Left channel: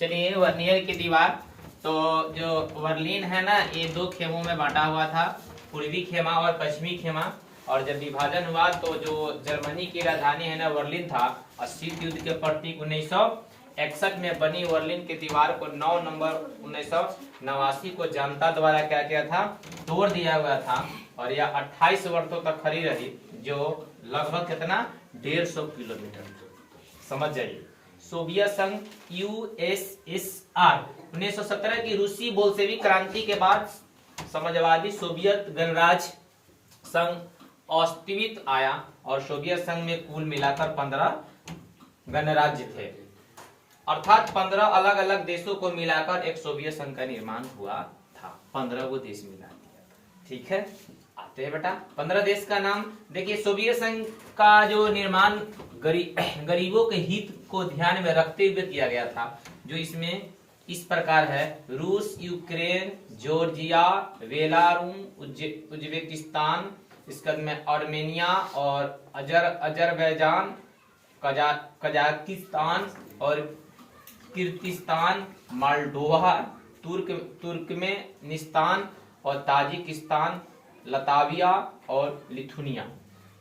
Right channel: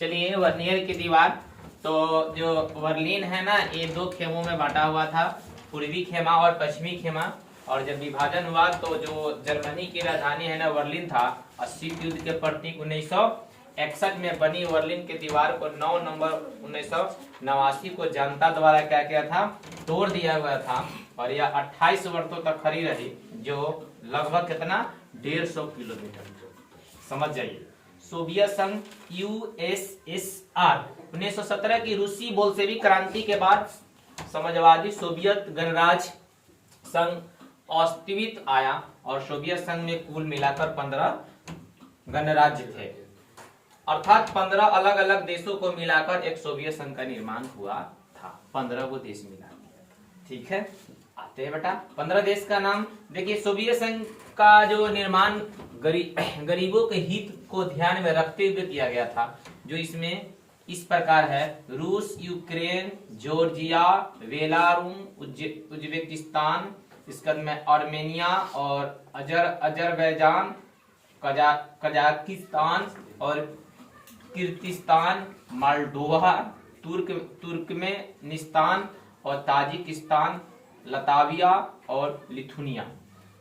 चलिए वर्नियर की दीवार, तो जो बर्लिन है ना, ये दो खेमों में बांटा हुआ था, पूर्वी खेमा और पश्चिमी खेमा। और जब विभाजन हुआ तो जो जर्मनी की राजधानी है ना बर्लिन था, और शीत युद्ध के प्रतीक 1961 में बनी बर्लिन की दीवार को 9 नवंबर 1989 को जनता द्वारा क्या किया था, तोड़ दिया हुआ था। और यह 28 वर्षों तक खड़ी रही, जो लगभग कितना 150 किलोमीटर। समझ जाइए। सोवियत संघ यूएसएसआर 1917 की रूसी बोल्शेविक क्रांति के बाद समाजवादी सोवियत गणराज्य संघ अस्तित्व आया, और सोवियत संघ में कुल मिलाकर 15 गणराज्य थे, अर्थात 15 अलग अलग देशों को मिलाकर एक सोवियत संघ का निर्माण हुआ था। 15 को देश मिला दिया। ठीक है, आते हैं बेटा 15 देश का नाम। देखिए, सोवियत संघ का जो निर्माण गरीबों के हित को ध्यान में रखते हुए किया गया था, जो इसमें इस प्रकार है: रूस, यूक्रेन, जॉर्जिया, बेलारूस, उज्बेकिस्तान, इसके बाद में आर्मेनिया और अजरबैजान, कजाकिस्तान और किर्गिस्तान, मोल्डोवा, तुर्कमेनिस्तान और ताजिकिस्तान, लताविया और लिथुनिया।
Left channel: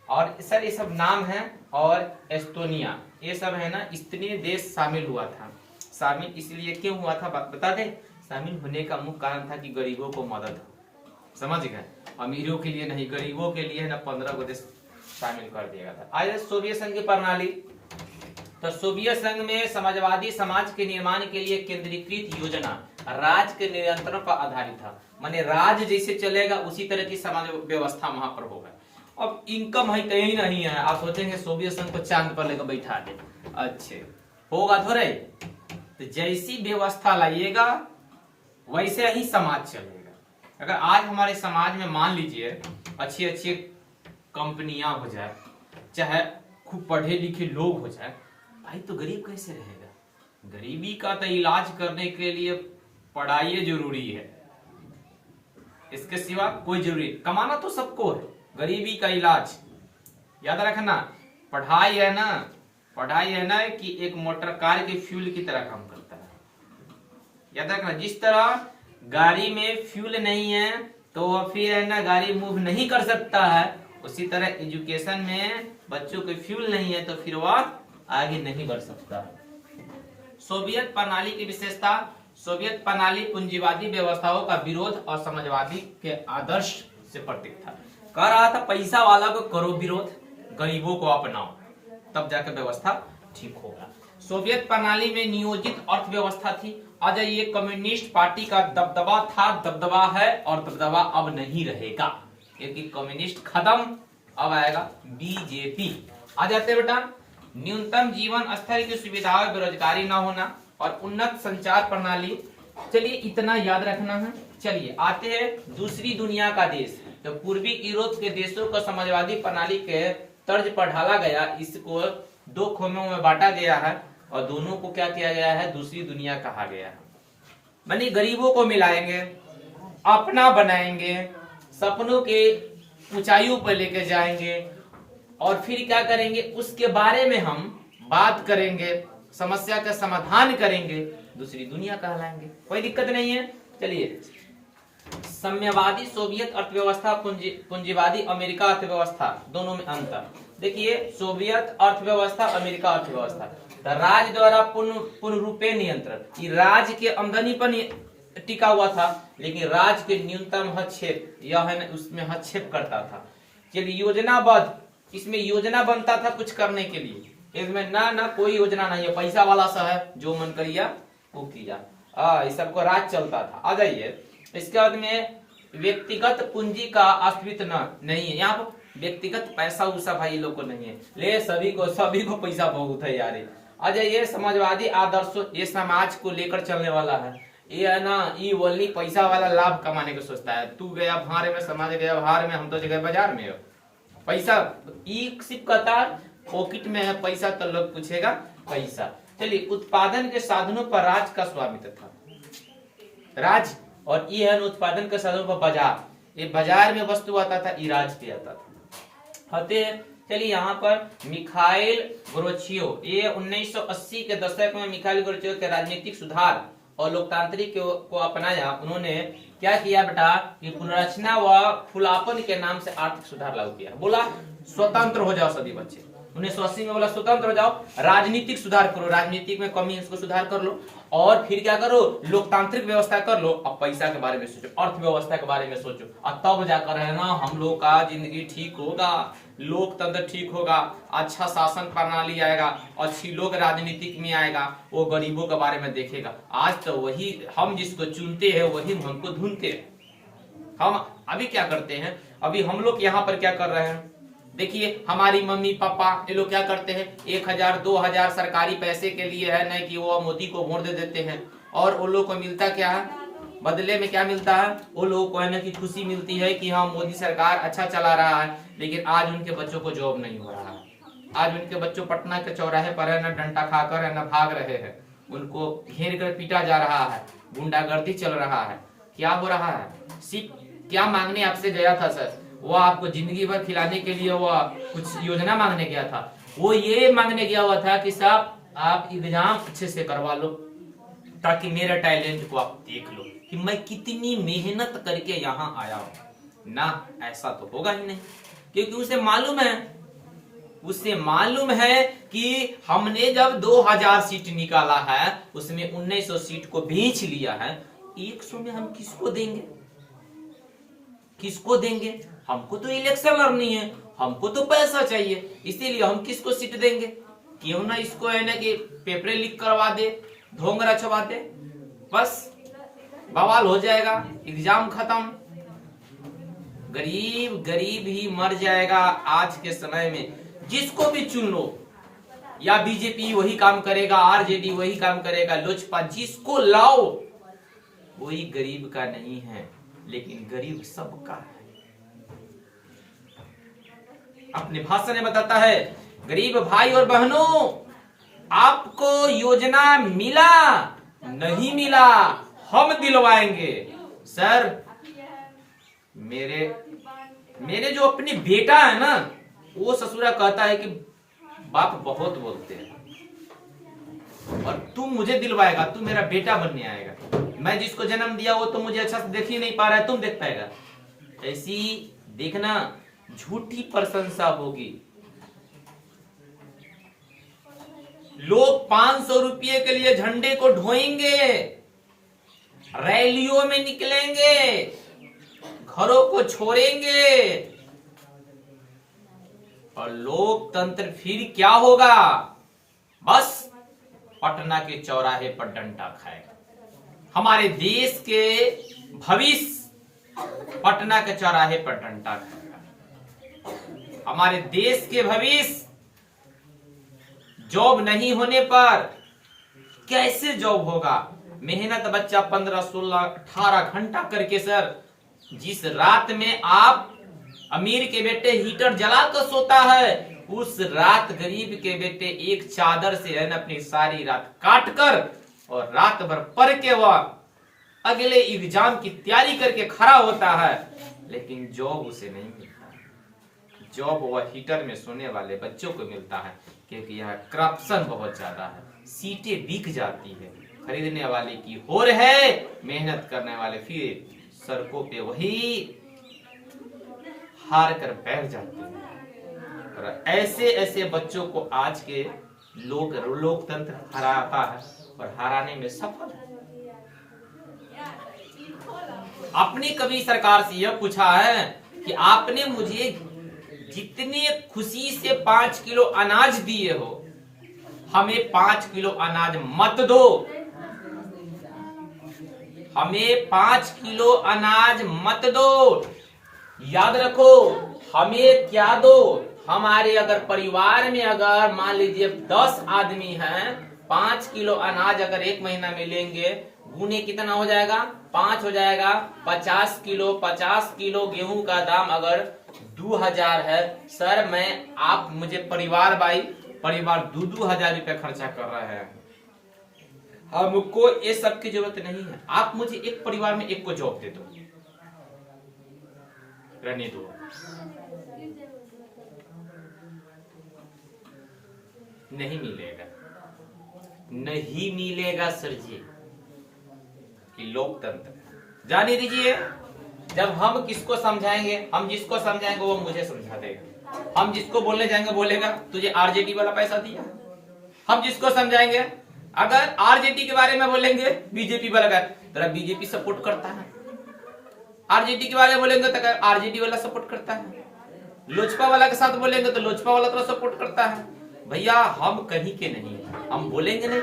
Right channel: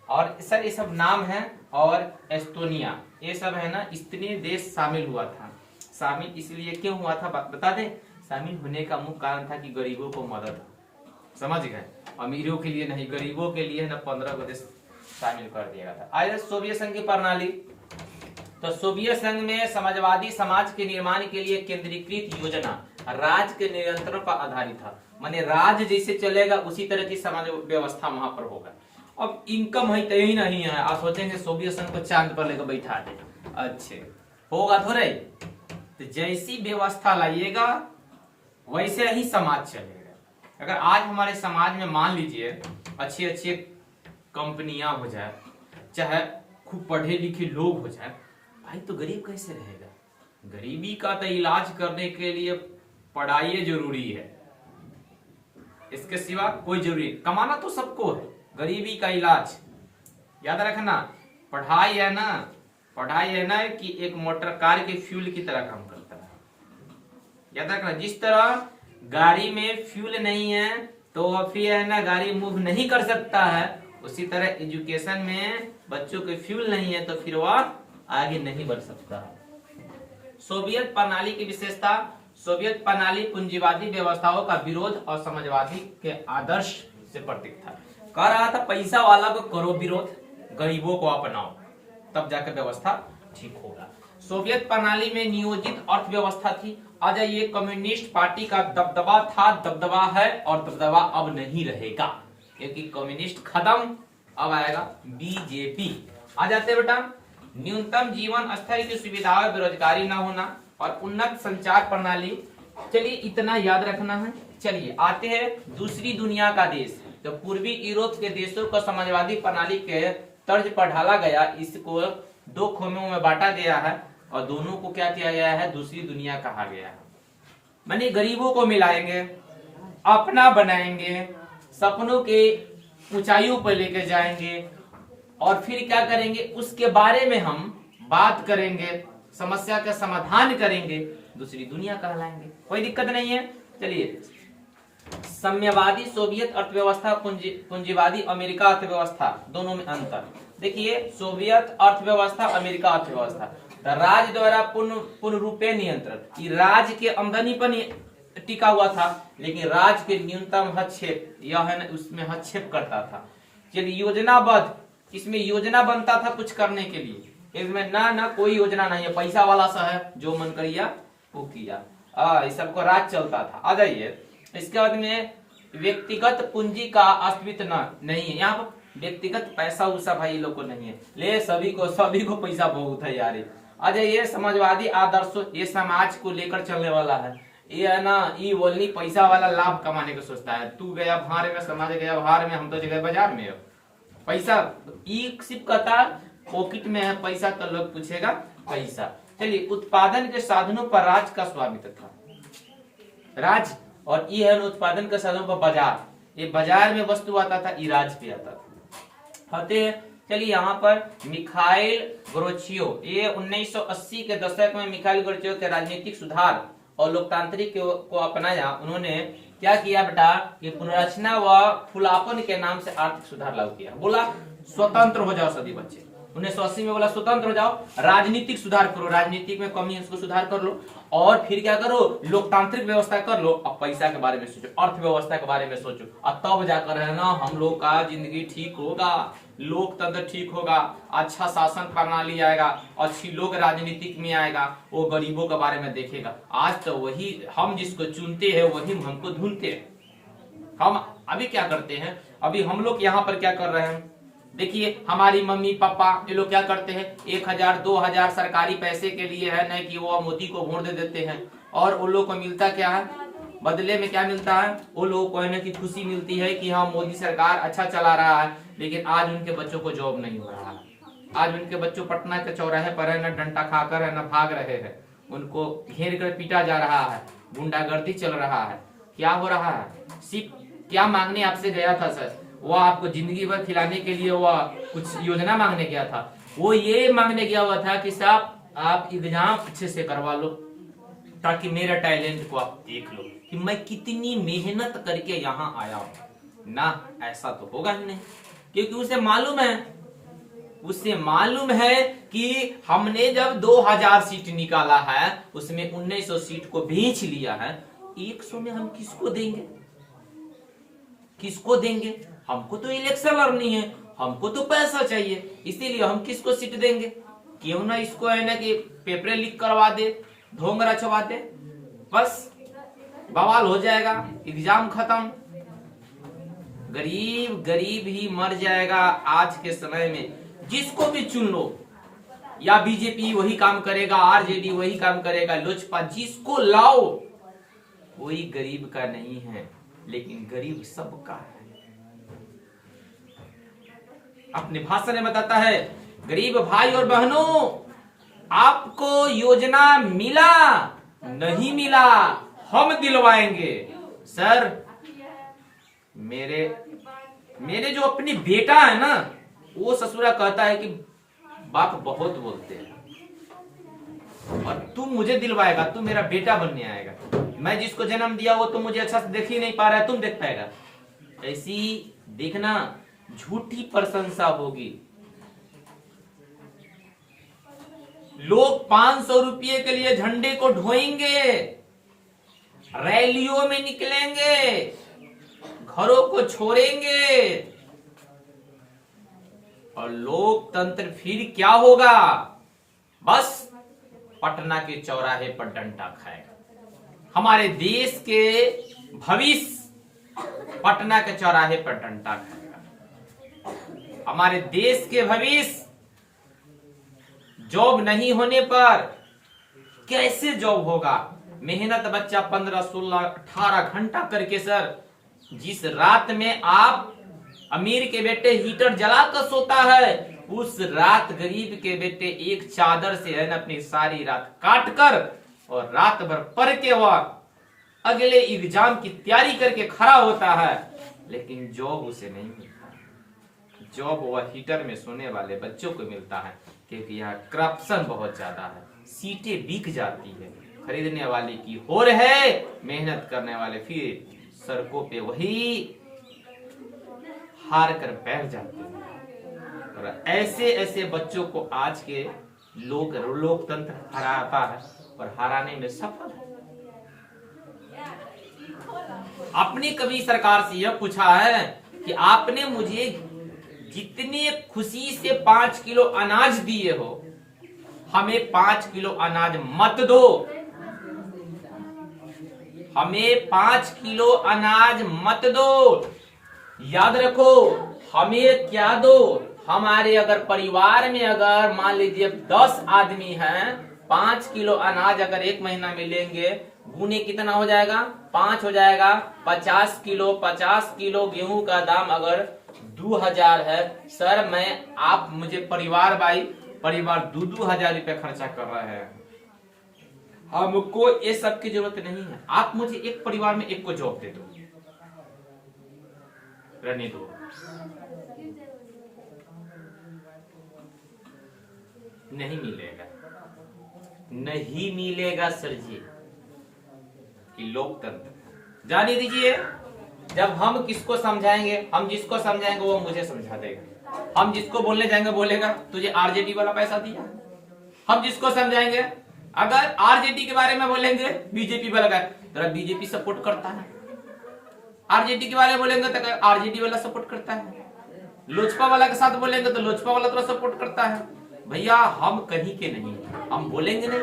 और सर ये सब नाम हैं। और एस्टोनिया, ये सब है ना, इतने देश शामिल हुआ था। शामिल इसलिए क्यों हुआ था बता दें। शामिल होने का मुख्य कारण था कि गरीबों को मदद हो। समझ गए, अमीरों के लिए नहीं, गरीबों के लिए है ना 15 को देश शामिल कर दिया गया था। आइए सोवियत संघ की प्रणाली। तो सोवियत संघ में समाजवादी समाज के निर्माण के लिए केंद्रीकृत योजना राज्य के नियंत्रण पर आधारित था। माने राज्य जैसे चलेगा उसी तरह की समाज व्यवस्था वहां पर होगा। अब इनकम है तो ही नहीं है, आप सोचेंगे सोवियत संघ को चांद पर लेकर बैठा दे, अच्छे होगा थोड़े। तो जैसी व्यवस्था लाइएगा वैसे ही समाज चलेगा। अगर आज हमारे समाज में मान लीजिए अच्छी अच्छी कंपनियां हो जाए, चाहे खूब पढ़े लिखे लोग हो जाए, भाई तो गरीब कैसे रहेगा। गरीबी का तो इलाज करने के लिए पढ़ाई जरूरी है, इसके सिवा कोई जरूरी। कमाना तो सबको है, गरीबी का इलाज याद रखना। पढ़ाई है ना कि एक मोटर कार के फ्यूल की तरह काम करता है। याद रखना, जिस तरह गाड़ी में फ्यूल नहीं है तो फिर है ना गाड़ी मूव नहीं कर सकता है, उसी तरह एजुकेशन में बच्चों के फ्यूल नहीं है तो फिर वह आगे नहीं बढ़ सकता है। सोवियत प्रणाली की विशेषता: सोवियत प्रणाली पूंजीवादी व्यवस्थाओं का विरोध और समाजवादी के आदर्श से प्रतीक था। कह रहा था पैसा वाला को करो विरोध, गरीबों को अपनाओ, तब जाकर व्यवस्था ठीक होगा। सोवियत प्रणाली में नियोजित अर्थव्यवस्था थी। आज ये कम्युनिस्ट पार्टी का दबदबा था, दबदबा है और दबदबा अब नहीं रहेगा, क्योंकि कम्युनिस्ट खत्म, अब आएगा बीजेपी। आ जाते बेटा। न्यूनतम जीवन स्तर की सुविधाएं, बेरोजगारी न होना और उन्नत संचार प्रणाली। चलिए इतना याद रखना है। चलिए आते हैं दूसरी दुनिया का देश। तो पूर्वी यूरोप के देशों को समाजवादी प्रणाली के तर्ज पर ढाला गया, इसको दो खेमों में बांटा गया है और दोनों को क्या किया गया है, दूसरी दुनिया कहा गया है। माने गरीबों को मिलाएंगे, अपना बनाएंगे, सपनों के ऊंचाइयों पर लेकर जाएंगे और फिर क्या करेंगे, उसके बारे में हम बात करेंगे, समस्या का समाधान करेंगे, दूसरी दुनिया कहलाएंगे। कोई दिक्कत नहीं है। चलिए, साम्यवादी सोवियत अर्थव्यवस्था, पूंजीवादी अमेरिका अर्थव्यवस्था, दोनों में अंतर देखिए। सोवियत अर्थव्यवस्था, अमेरिका अर्थव्यवस्था, तो राज्य द्वारा पूर्ण रूपे नियंत्रण, ये राज्य के आमदनी पर टिका हुआ था, लेकिन राज्य के न्यूनतम हस्तक्षेप यह है ना उसमें हस्तक्षेप करता था। चलिए योजनाबद्ध, इसमें योजना बनता था कुछ करने के लिए, इसमें ना कोई योजना नहीं है, पैसा वाला सा है, जो मन करिया वो किया, इस सबको राज चलता था। आ जाइए, इसके बाद में व्यक्तिगत पूंजी का अस्तित्व नहीं है। यहाँ पर व्यक्तिगत पैसा उसा भाई लोग को नहीं है, ले सभी को पैसा बहुत है यार। आ जाइए, समाजवादी आदर्शों, ये समाज को लेकर चलने वाला है। ये है ना, ये बोलनी पैसा वाला लाभ कमाने को सोचता है। तू गया भार में, समाज गया भार में, हम तो जगह बाजार में। पैसा सिर्फ कहता पॉकेट में है पैसा, तो लोग पूछेगा पैसा। चलिए, उत्पादन के साधनों पर राज्य का स्वामित्व था, राज्य, और ये है उत्पादन के साधनों पर बाजार। ये बाजार में वस्तु आता था, ये राज्य पे आता था। चलिए यहाँ पर मिखाइल गोर्बाचेव, ये 1980 के दशक में मिखाइल गोर्बाचेव के राजनीतिक सुधार और लोकतांत्रिक को अपनाया। उन्होंने क्या किया बेटा कि पुनर्रचना व खुलापन के नाम से आर्थिक सुधार लागू किया। बोला स्वतंत्र हो जाओ सभी बच्चे, 1980 में बोला स्वतंत्र हो जाओ, राजनीतिक सुधार करो, राजनीतिक में कमी है इसको सुधार कर लो, और फिर क्या करो लोकतांत्रिक व्यवस्था कर लो। अब पैसा के बारे में सोचो, अर्थव्यवस्था के बारे में सोचो, और तब जाकर है ना हम लोग का जिंदगी ठीक होगा, लोकतंत्र ठीक होगा, अच्छा शासन प्रणाली आएगा, अच्छी लोग राजनीतिक में आएगा, वो गरीबों के बारे में देखेगा। आज तो वही हम जिसको चुनते हैं वही हमको ढूंढते हैं। हम अभी क्या करते हैं, अभी हम लोग यहाँ पर क्या कर रहे हैं, देखिए हमारी मम्मी पापा ये लोग क्या करते हैं, 1000 2000 सरकारी पैसे के लिए है ना कि वो मोदी को वोट दे देते हैं, और वो लोग को मिलता क्या है, बदले में क्या मिलता है, वो लोग को है ना कि खुशी मिलती है कि हाँ मोदी सरकार अच्छा चला रहा है। लेकिन आज उनके बच्चों को जॉब नहीं हो रहा है, आज उनके बच्चों पटना के चौराहे पर है ना डंडा खाकर है ना भाग रहे हैं, उनको घेर कर पीटा जा रहा है, गुंडागर्दी चल रहा है। क्या हो रहा है, सिर्फ क्या मांगने आपसे गया था सर, वो आपको जिंदगी भर खिलाने के लिए वो कुछ योजना मांगने गया था, वो ये मांगने गया हुआ था कि साहब आप एग्जाम अच्छे से करवा लो ताकि मेरा टैलेंट को आप देख लो कि मैं कितनी मेहनत करके यहाँ आया हूं ना। ऐसा तो होगा ही नहीं, क्योंकि उसे मालूम है कि हमने जब 2000 सीट निकाला है उसमें 1900 सीट को बेच लिया है, 100 में हम किसको देंगे, किसको देंगे, हमको तो इलेक्शन लड़नी है, हमको तो पैसा चाहिए, इसीलिए हम किसको सीट देंगे। क्यों ना इसको है ना कि पेपर लीक करवा दे, ढोंगरा छवा दे, बस बवाल हो जाएगा, एग्जाम खत्म, गरीब ही मर जाएगा। आज के समय में जिसको भी चुन लो, या बीजेपी वही काम करेगा, आरजेडी वही काम करेगा, लोजपा जिसको लाओ वही गरीब का नहीं है, लेकिन गरीब सबका है। अपने भाषण में बताता है, गरीब भाई और बहनों आपको योजना मिला नहीं मिला हम दिलवाएंगे। सर मेरे जो अपनी बेटा है ना वो ससुरा कहता है कि बाप बहुत बोलते हैं और तू मुझे दिलवाएगा, तू मेरा बेटा बनने आएगा, मैं जिसको जन्म दिया वो तो मुझे अच्छा से देख ही नहीं पा रहा है, तुम देख पाएगा। ऐसी देखना झूठी प्रशंसा होगी। लोग 500 रुपये के लिए झंडे को ढोएंगे, रैलियों में निकलेंगे, घरों को छोड़ेंगे, और लोकतंत्र फिर क्या होगा, बस पटना के चौराहे पर डंडा खाएगा। हमारे देश के भविष्य पटना के चौराहे पर डंडा खाएगा। हमारे देश के भविष्य जॉब नहीं होने पर कैसे जॉब होगा। मेहनत बच्चा 15, 16, 18 घंटा करके सर, जिस रात में आप अमीर के बेटे हीटर जलाकर सोता है, उस रात गरीब के बेटे एक चादर से है ना अपनी सारी रात काट कर और रात भर पढ़ के वह अगले एग्जाम की तैयारी करके खड़ा होता है, लेकिन जॉब उसे नहीं मिलता। जॉब वह हीटर में सोने वाले बच्चों को मिलता है, क्योंकि यहाँ करप्शन बहुत ज्यादा है, सीटें बिक जाती है, खरीदने वाले की होड़ है, मेहनत करने वाले फिर सड़कों पे वही हार कर बैठ जाते हैं। और ऐसे बच्चों को आज के लोकतंत्र हराता है और हराने में सफल है। आपने कभी सरकार से यह पूछा है कि आपने मुझे जितनी खुशी से 5 किलो अनाज दिए हो, हमें 5 किलो अनाज मत दो, हमें 5 किलो अनाज मत दो। याद रखो, हमें क्या दो, हमारे अगर परिवार में अगर मान लीजिए 10 आदमी हैं, 5 किलो अनाज अगर एक महीना में लेंगे, गुने कितना हो जाएगा, 5 हो जाएगा, 50 किलो गेहूं का दाम अगर 2000 है सर, आप मुझे परिवार 2-2000 रुपए खर्चा कर रहे हैं, हमको ये सब की जरूरत नहीं है। आप मुझे एक परिवार में एक को जॉब दे दो, रहने दो। नहीं मिलेगा, नहीं मिलेगा सर जी। लोकतंत्र जाने दीजिए, जब हम किसको समझाएंगे, हम जिसको समझाएंगे वो मुझे समझा देगा। हम जिसको बोलने जाएंगे बोलेगा तुझे आरजेडी वाला पैसा दिया। हम जिसको समझाएंगे, अगर आरजेडी के बारे में बोलेंगे बीजेपी वाला तेरा बीजेपी सपोर्ट करता है, आरजेडी के बारे में बोलेंगे तो आरजेडी वाला सपोर्ट करता है, लोजपा वाला के साथ बोलेंगे तो लोजपा वाला तो सपोर्ट करता है। भैया हम कहीं के नहीं, हम बोलेंगे नहीं,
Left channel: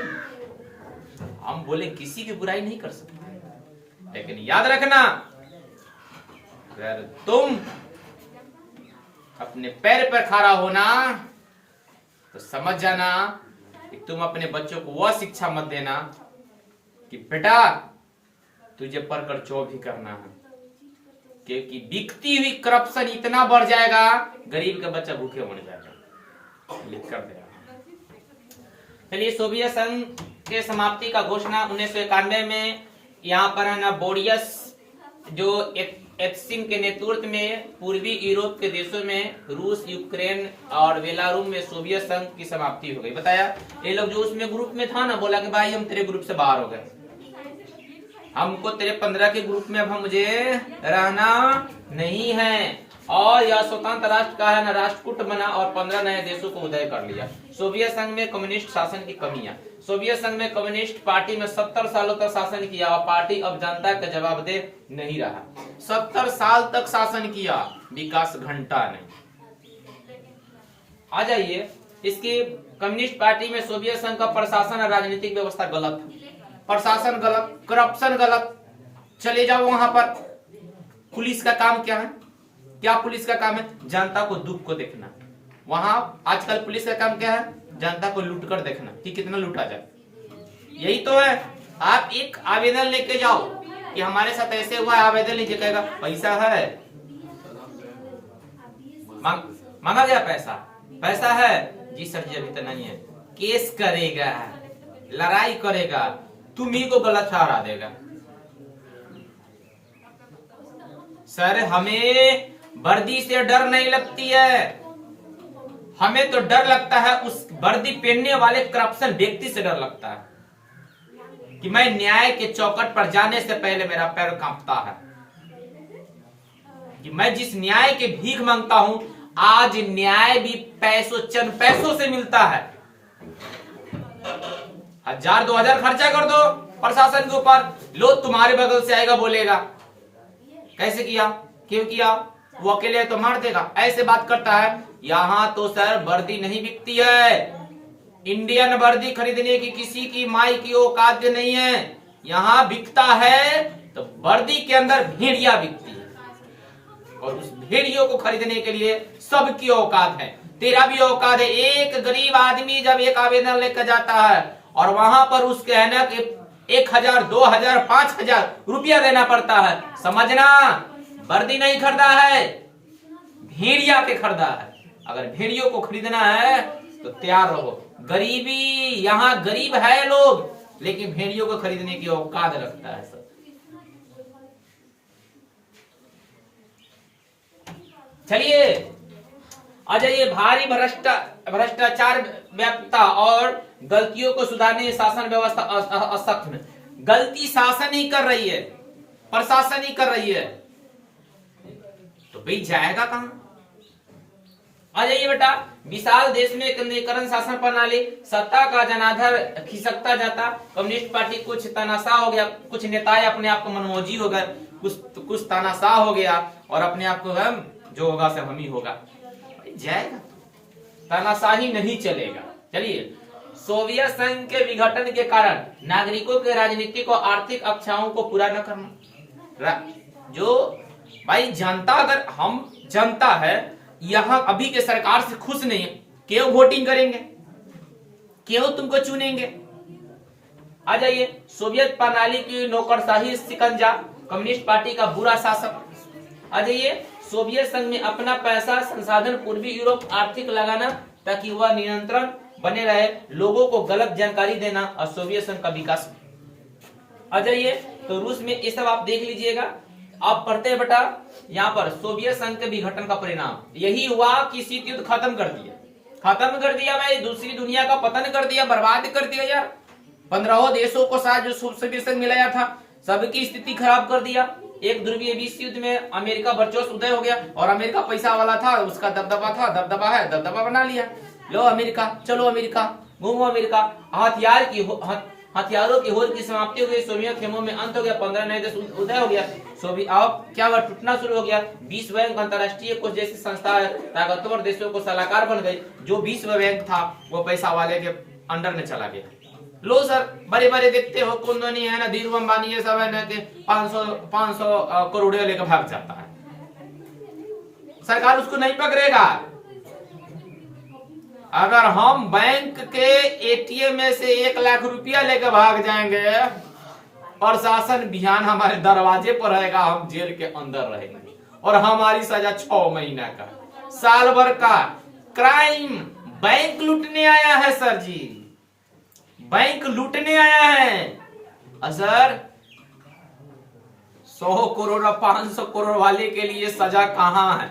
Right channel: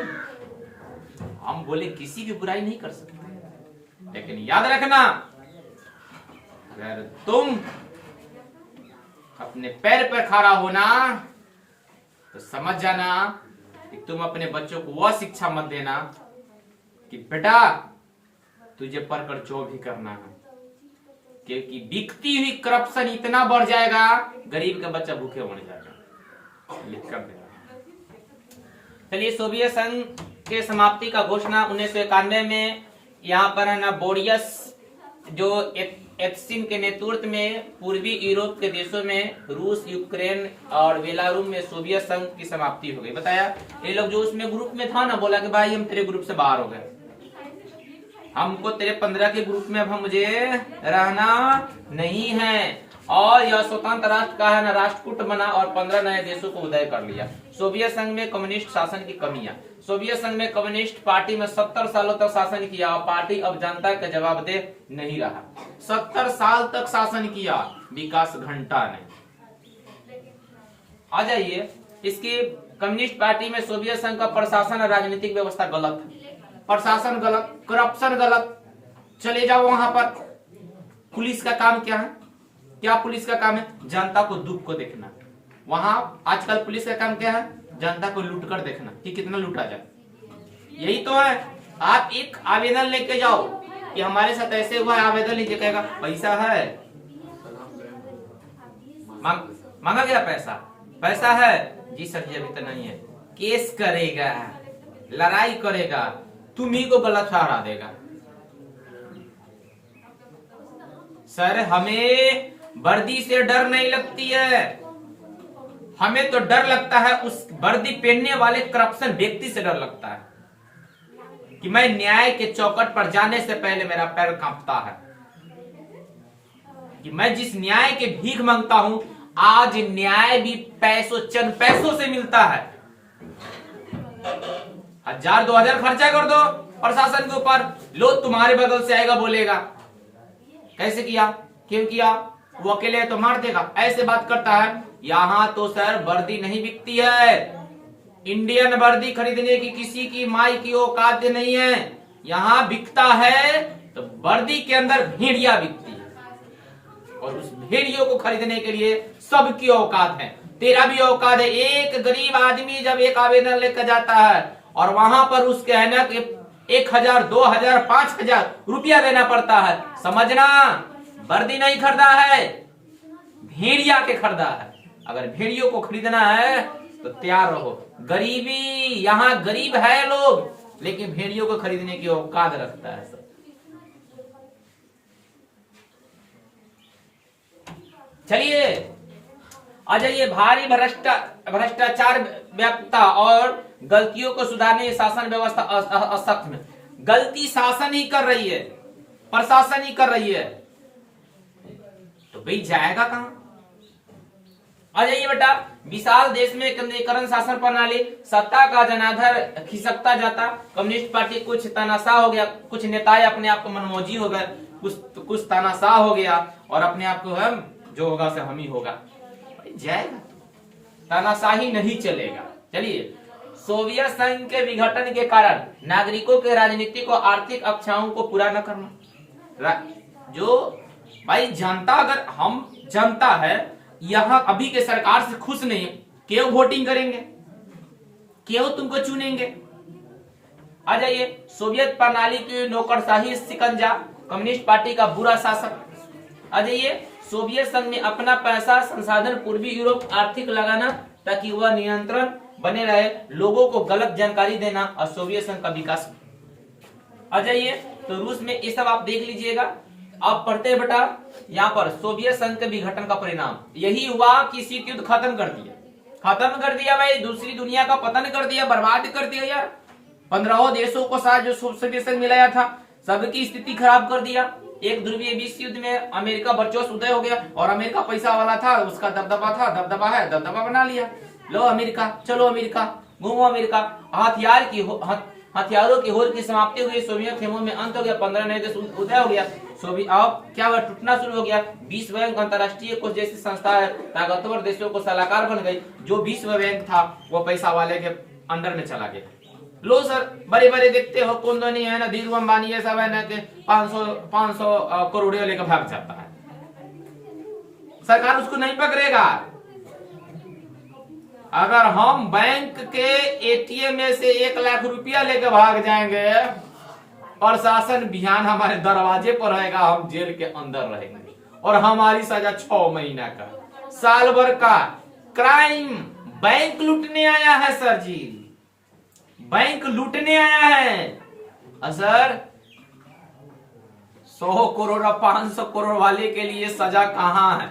हम बोले किसी की बुराई नहीं कर सकते, लेकिन याद रखना अगर तुम अपने पैर पर खड़ा होना तो समझ जाना कि तुम अपने बच्चों को वह शिक्षा मत देना कि बेटा तुझे पढ़कर जो भी करना है, क्योंकि बिकती हुई करप्शन इतना बढ़ जाएगा गरीब का बच्चा भूखे मर जाएगा। लिख कर दे। चलिए, सोवियत संघ के समाप्ति का घोषणा 1991 में यहाँ पर है ना बोरियस जो एत्सिन के नेतृत्व में पूर्वी यूरोप के देशों में रूस, यूक्रेन और बेलारूस में सोवियत संघ की समाप्ति हो गई। बताया ये लोग जो उसमें ग्रुप में था ना, बोला कि भाई हम तेरे ग्रुप से बाहर हो गए, हमको तेरे 15 के ग्रुप में अब मुझे रहना नहीं है। और यह स्वतंत्र राष्ट्र का है ना राष्ट्रकूट बना और 15 नए देशों को उदय कर लिया। सोवियत संघ में कम्युनिस्ट शासन की कमियां। सोवियत संघ में कम्युनिस्ट पार्टी में 70 सालों तक शासन किया और पार्टी अब जनता का जवाबदेह नहीं रहा। 70 साल तक शासन किया, विकास घंटा नहीं। आ जाइए, इसकी कम्युनिस्ट पार्टी में सोवियत संघ का प्रशासन और राजनीतिक व्यवस्था गलत है, प्रशासन गलत, करप्शन गलत। चले जाओ वहां पर, पुलिस का काम क्या है? क्या पुलिस का काम है? जनता को दुख को देखना। वहां आजकल पुलिस का काम क्या है? जनता को लूट कर देखना कि कितना लूटा जाए। यही तो है। आप एक आवेदन लेके जाओ कि हमारे साथ ऐसे हुआ है, आवेदन लीजिए, कहेगा पैसा है, मांगा गया पैसा, पैसा है जी सर जी अभी तो नहीं है। केस करेगा, लड़ाई करेगा, तुम्ही को गलत ठहरा देगा। सर हमें वर्दी से डर नहीं लगती है, हमें तो डर लगता है उस वर्दी पहनने वाले करप्शन व्यक्ति से डर लगता है कि मैं न्याय के चौखट पर जाने से पहले मेरा पैर कांपता है कि मैं जिस न्याय के भीख मांगता हूं, आज न्याय भी पैसों, चंद पैसों से मिलता है। 1000-2000 खर्चा कर दो प्रशासन के ऊपर, लो तुम्हारे बगल से आएगा बोलेगा कैसे किया, क्यों किया, वो अकेले तो मार देगा, ऐसे बात करता है। यहां तो सर वर्दी नहीं बिकती है, इंडियन वर्दी खरीदने की किसी की माई की औकात नहीं है। यहां बिकता है तो वर्दी के अंदर भेड़िया बिकती है, और उस भेड़ियों को खरीदने के लिए सबकी औकात है, तेरा भी औकात है। एक गरीब आदमी जब एक आवेदन लेकर जाता है और वहां पर उसके है ना कि 1000, 2000, 5000 रुपया देना पड़ता है, समझना वर्दी नहीं खरीदा है, भेड़िया के खरीदा है। अगर भेड़ियों को खरीदना है तो तैयार रहो। गरीबी, यहाँ गरीब है लोग, लेकिन भेड़ियों को खरीदने की औकात रखता है सब। चलिए आ जाइए, भारी भ्रष्टाचार व्याप्तता और गलतियों को सुधारने शासन व्यवस्था असख्त में। गलती शासन ही कर रही है, प्रशासन ही कर रही है, तो भाई जाएगा कहां? आ जाइए बेटा, विशाल देश में केंद्रीकरण शासन प्रणाली, सत्ता का जनाधार खिसकता जाता। कम्युनिस्ट पार्टी कुछ तानाशाह हो गया, कुछ नेताएं अपने आप को मनमौजी हो गए, कुछ तानाशाह हो गया और अपने आप को हम जो होगा से हम ही होगा। जाएगा, तानाशाही नहीं चलेगा। चलिए, सोवियत संघ के विघटन के कारण नागरिकों के राजनीतिक और आर्थिक अक्षाओं को पूरा न करना। जो भाई जनता, अगर हम जनता है यहाँ अभी के सरकार से खुश नहीं है, क्यों वोटिंग करेंगे, क्यों तुमको चुनेंगे? आ जाइए, सोवियत प्रणाली की नौकरशाही शिकंजा, कम्युनिस्ट पार्टी का बुरा शासक। आ जाइए, सोवियत संघ में अपना पैसा संसाधन पूर्वी यूरोप आर्थिक लगाना ताकि वह नियंत्रण बने रहे, लोगों को गलत जानकारी देना और सोवियत संघ का विकास। आ जाइए, तो रूस में ये सब आप देख लीजिएगा, आप पढ़ते हैं बेटा। यहाँ पर सोवियत संघ के विघटन का परिणाम यही हुआ कि शीत युद्ध खत्म कर दिया, खत्म कर दिया भाई, दूसरी दुनिया का पतन कर दिया, बर्बाद कर दिया यार। 15 देशों को साथ जो सोवियत संघ मिलाया था, सबकी स्थिति खराब कर दिया। एक ध्रुवीय विश्व युद्ध में अमेरिका वर्चस्व उदय हो गया, और अमेरिका पैसा वाला था, उसका दबदबा था, दबदबा है, दबदबा बना लिया। लो अमेरिका, चलो अमेरिका, घूमो अमेरिका। हथियारों की होड़ की समाप्ति हो गई, सोवियत खेमों में अंत हो गया, 15 नए देश उदय हो गया। अब क्या हुआ, टूटना शुरू हो गया। विश्व बैंक, अंतरराष्ट्रीय कोष जैसी संस्था ताकतवर देशों को सलाहकार बन गई। जो विश्व बैंक था वो पैसा वाले के अंडर में चला गया। लो सर, बड़े बड़े देखते हो कौन तो नहीं है ना, धीरू अंबानी ये सब है ना, 500 करोड़ लेकर भाग जाता है, सरकार उसको नहीं पकड़ेगा। अगर हम बैंक के एटीएम में से 1 लाख रुपया लेकर भाग जाएंगे और शासन बिहान हमारे दरवाजे पर रहेगा, हम जेल के अंदर रहेंगे, और हमारी सजा 6 महीना का, साल भर का। क्राइम, बैंक लूटने आया है सर जी, बैंक लूटने आया है सर। 100 करोड़ और 500 करोड़ वाले के लिए सजा कहां है?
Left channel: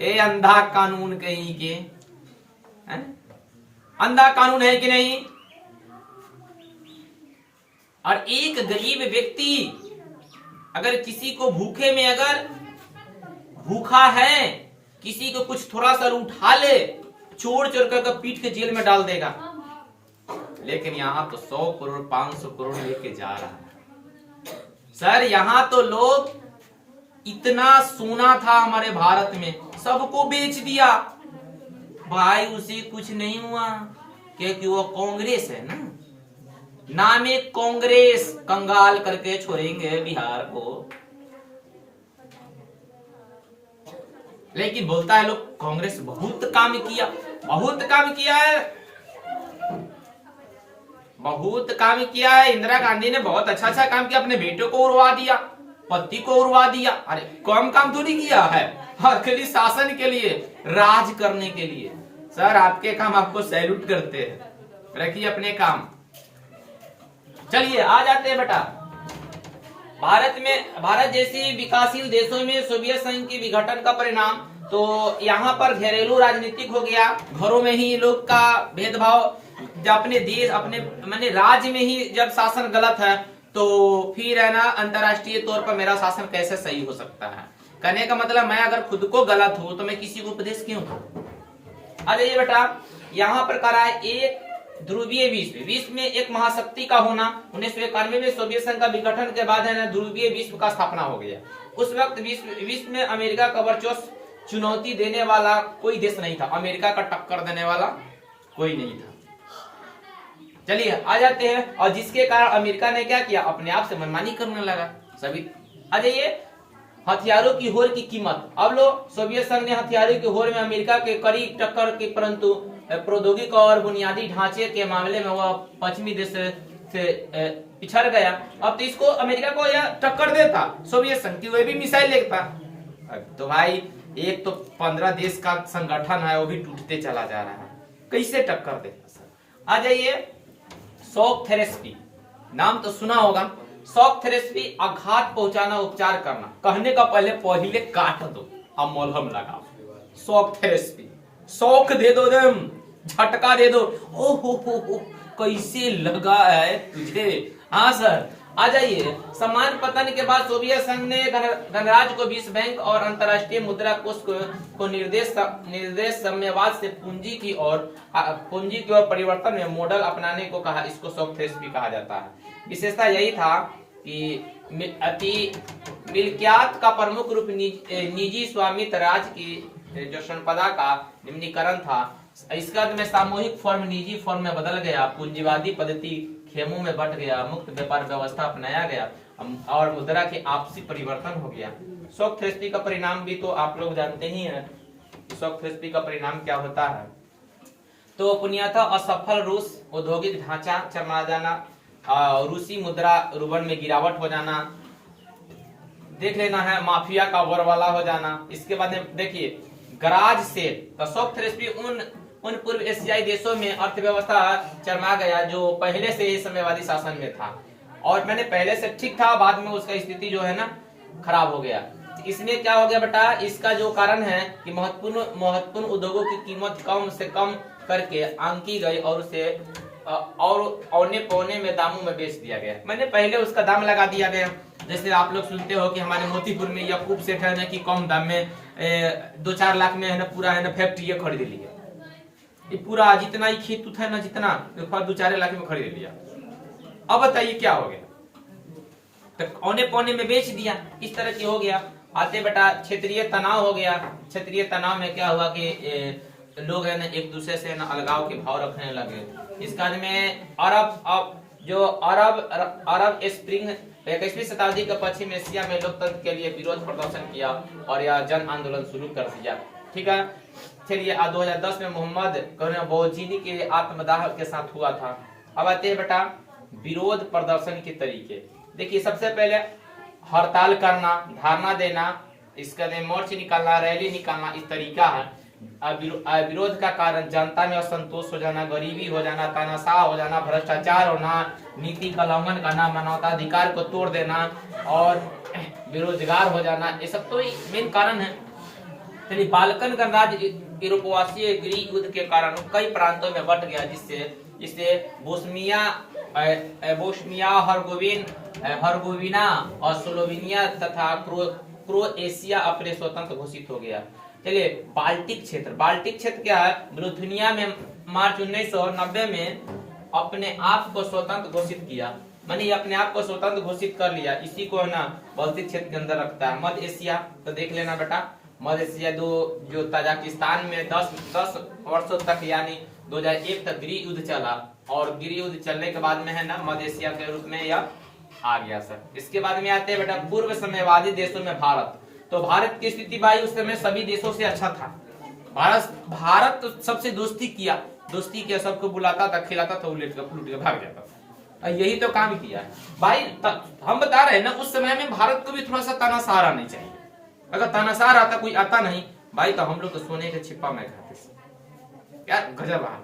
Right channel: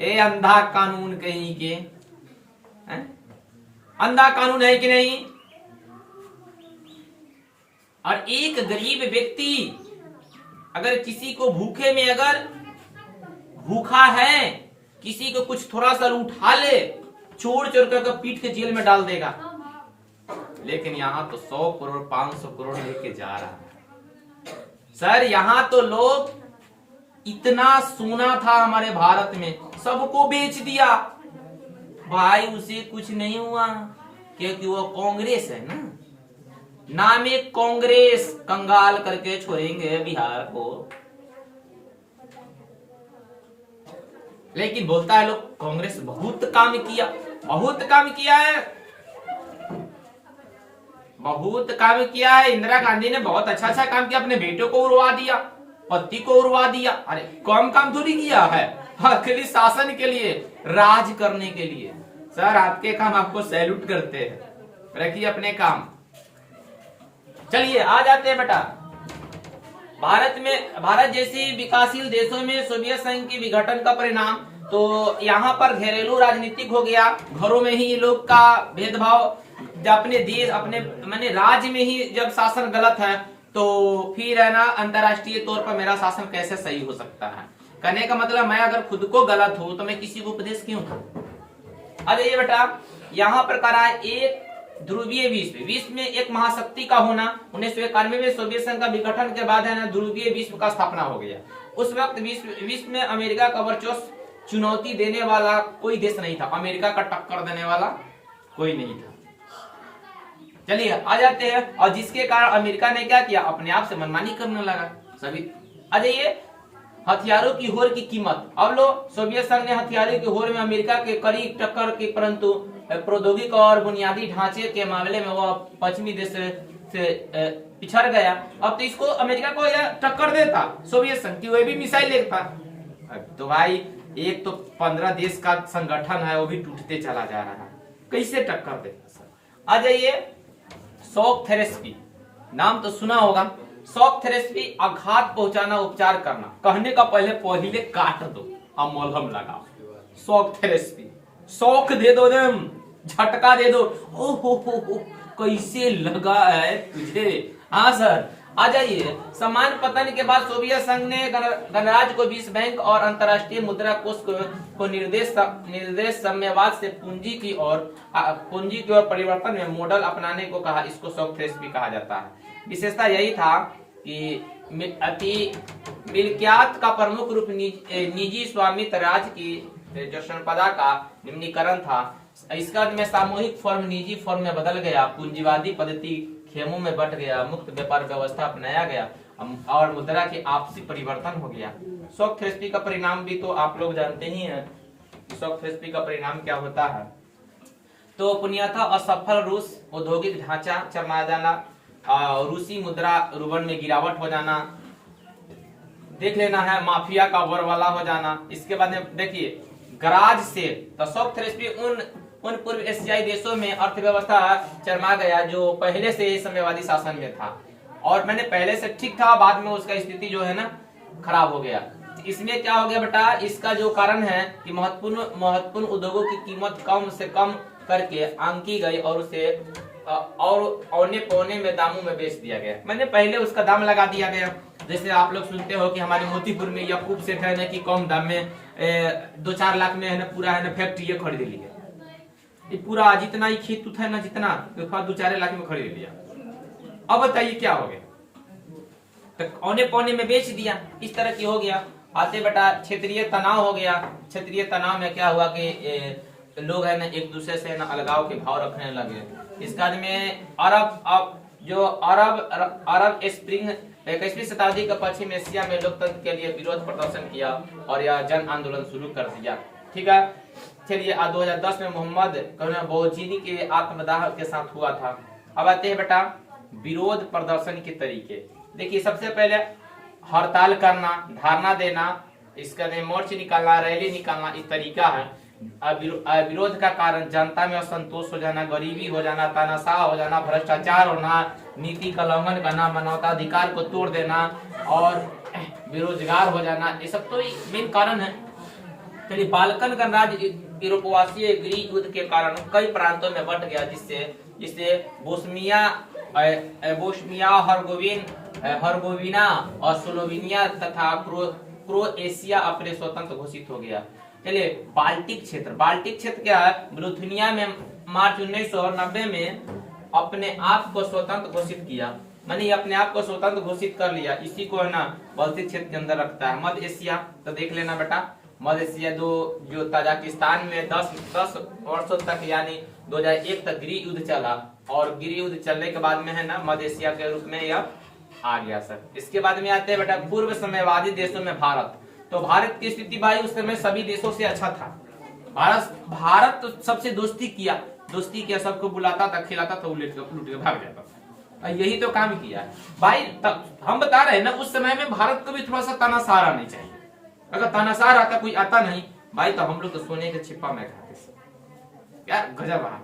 ए अंधा कानून कहीं के, अंधा कानून है कि नहीं? और एक गरीब व्यक्ति अगर किसी को भूखे में, अगर भूखा है, किसी को कुछ थोड़ा सा उठा ले, चोर चोर कर पीट के जेल में डाल देगा। लेकिन यहां तो 100 करोड़ 500 करोड़ लेके जा रहा है सर। यहां तो लोग, इतना सोना था हमारे भारत में, सबको बेच दिया भाई, उसे कुछ नहीं हुआ क्योंकि वो कांग्रेस है ना, नाम एक कांग्रेस, कंगाल करके छोड़ेंगे बिहार को। लेकिन बोलता है लोग कांग्रेस बहुत काम किया, बहुत काम किया है, बहुत काम किया है। इंदिरा गांधी ने बहुत अच्छा काम किया, अपने बेटों को उड़वा दिया, पति को उड़वा दिया। अरे कम काम थोड़ी किया है, अकेली शासन के लिए, राज करने के लिए। सर आपके काम आपको सैल्यूट करते हैं, रखिए अपने काम। चलिए आ जाते हैं बेटा, भारत जैसी विकासशील देशों में सोवियत संघ की विघटन का परिणाम, तो यहाँ पर घरेलू राजनीतिक हो गया। घरों में ही लोग का भेदभाव, अपने देश, अपने माने राज्य में ही जब शासन गलत है, तो फिर है ना अंतरराष्ट्रीय तौर पर मेरा शासन कैसे सही हो सकता है? कहने का मतलब, मैं अगर खुद को गलत हूं तो मैं किसी को उपदेश क्यों दूं? आ जाइए बेटा, यहाँ पर करा एक ध्रुवीय विश्व में एक महाशक्ति का होना। 1991 में सोवियत संघ का विघटन के बाद है ना ध्रुवीय विश्व का स्थापना हो गया। उस वक्त विश्व में अमेरिका का वर्चस्व चुनौती देने वाला कोई देश नहीं था, अमेरिका का टक्कर देने वाला कोई नहीं था। चलिए आ जाते हैं, और जिसके कारण अमेरिका ने क्या किया, अपने आप से मनमानी करने लगा सभी। आ जाइए, हथियारों की होड़ की कीमत। अब लो, सोवियत संघ ने हथियारों की होड़ में अमेरिका के करीब टक्कर की, परंतु प्रौद्योगिकी और बुनियादी ढांचे के मामले में वो पश्चिमी देश से पिछड़ गया। अब तो इसको, अमेरिका को यह टक्कर देता सोवियत संघ की, वह भी मिसाइल लेता। तो भाई एक तो 15 देश का संगठन है, वो भी टूटते चला जा रहा है, कैसे टक्कर देता सर? आ जाइए, शॉक थेरेपी, नाम तो सुना होगा। शॉक थेरेपी, आघात पहुंचाना, उपचार करना। कहने का पहले काट दो, हम मलहम लगाओ। शॉक थेरेपी, शौक दे दो, दम झटका दे दो। ओहो कैसे लगा है तुझे? हाँ सर, आ जाइए। समान पतन के बाद सोवियत संघ ने गणराज्य को विश्व बैंक और अंतरराष्ट्रीय मुद्रा कोष को निर्देश साम्यवाद से पूंजी की ओर परिवर्तन में मॉडल अपनाने को कहा। इसको शॉक थेरेपी कहा जाता है। विशेषता यही था कि अति मिल्कियात का प्रमुख रूप निजी स्वामित्व राज्य की जो संपदा का निम्नीकरण था, इसका में सामूहिक फॉर्म निजी फॉर्म में बदल गया, पूंजीवादी पद्धति खेमों में बट गया, मुक्त व्यापार व्यवस्था अपनाया गया और मुद्रा के आपसी परिवर्तन हो गया। शॉक थेरेपी का परिणाम भी तो आप लोग जानते ही हैं। शॉक थेरेपी का परिणाम क्या होता है? तो पुण्यतः असफल रूस औद्योगिक ढांचा चरमरा जाना, रूसी मुद्रा रूबल में गिरावट हो जाना, देख लेना है, माफिया का वरवाला हो जाना। इसके बाद में देखिए गराज से, तो शॉक थेरेपी उन पूर्व एशियाई देशों में अर्थव्यवस्था चरमा गया जो पहले से ही साम्यवादी शासन में था, और मैंने पहले से ठीक था, बाद में उसका स्थिति जो है ना खराब हो गया। इसमें क्या हो गया बेटा, इसका जो कारण है कि महत्वपूर्ण उद्योगों की कीमत कम से कम करके आंकी गई और उसे और औने पौने में दामों में बेच दिया गया। मैंने पहले उसका दाम लगा दिया गया। जैसे आप लोग सुनते हो कि हमारे मोतीपुर में यकूब सेठ है ना कि कम दाम में 2-4 लाख में है ना पूरा है ना फैक्ट्री खरीद लिया। ये पूरा जितना ही खेत उत है ना जितना तो 2-4 लाख में खरीद लिया। अब बताइए क्या हो गया, तो औने पौने में बेच दिया, इस तरह की हो गया। आते बेटा क्षेत्रीय तनाव हो गया। क्षेत्रीय तनाव में क्या हुआ कि लोग है ना एक दूसरे से ना अलगाव के भाव रखने लगे। इसके बाद में अरब स्प्रिंग 21वीं शताब्दी के पश्चिम एशिया में लोकतंत्र के लिए विरोध प्रदर्शन किया और यह जन आंदोलन शुरू कर दिया। ठीक है, चलिए 2010 में मोहम्मद बौजीनी के आत्मदाह के साथ हुआ था। अब आते हैं बेटा विरोध प्रदर्शन के तरीके। देखिए सबसे पहले हड़ताल करना, धरना देना, इसका मोर्च निकालना, रैली निकालना, इस तरीका है। विरोध का कारण जनता में असंतोष हो जाना, गरीबी हो जाना, तानाशाह हो जाना, भ्रष्टाचार होना, नीति का उल्लंघन करना, मानवाधिकार को तोड़ देना और बेरोजगार हो जाना, ये सब तो मेन कारण है। चलिए बाल्कन गणराज्य यूरोपवासीय गृह युद्ध के कारण कई प्रांतों में बंट गया, जिससे बोस्निया हर्गोविना और स्लोवेनिया तथा क्रोएशिया अपने स्वतंत्र घोषित हो गया। चलिए बाल्टिक क्षेत्र क्या है, लिथुआनिया में मार्च 1990 में अपने आप को स्वतंत्र घोषित किया, मानी अपने आप को स्वतंत्र घोषित कर लिया। इसी को है ना बाल्टिक क्षेत्र के अंदर रखता है। मध्य एशिया तो देख लेना बेटा, मध्य एशिया जो ताजिकिस्तान में 10 वर्षों तक यानी 2001 तक गृह युद्ध चला और गृह युद्ध चलने के बाद में है ना मध्य एशिया के रूप में यह आ गया सर। इसके बाद में आते हैं बेटा पूर्व साम्यवादी देशों में भारत। तो भारत की स्थिति भाई उस समय सभी देशों से अच्छा था। भारत तो सबसे दोस्ती किया, सबको बुलाता था, खिलाता था, लूट के भाग जाता था। यही तो काम किया भाई। हम बता रहे हैं ना उस समय में भारत को भी थोड़ा सा तानाशाह आना चाहिए। अगर तानाशाह आता, कोई आता नहीं भाई, तो हम लोग तो सोने के छिपा में खाते क्या गजब है।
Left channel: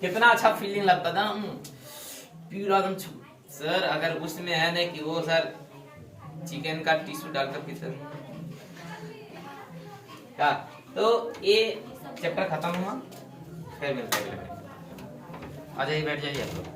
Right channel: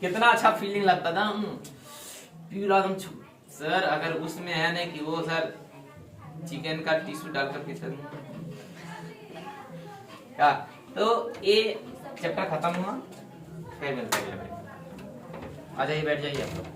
कितना अच्छा फीलिंग लगता था पूरा एकदम सर। अगर उसमें है ना कि वो सर चिकन का टिश्यू डालकर के सर क्या, तो ये चैप्टर खत्म हुआ। फिर मिलते हैं, आ जाइए, बैठ जाइए आप लोग।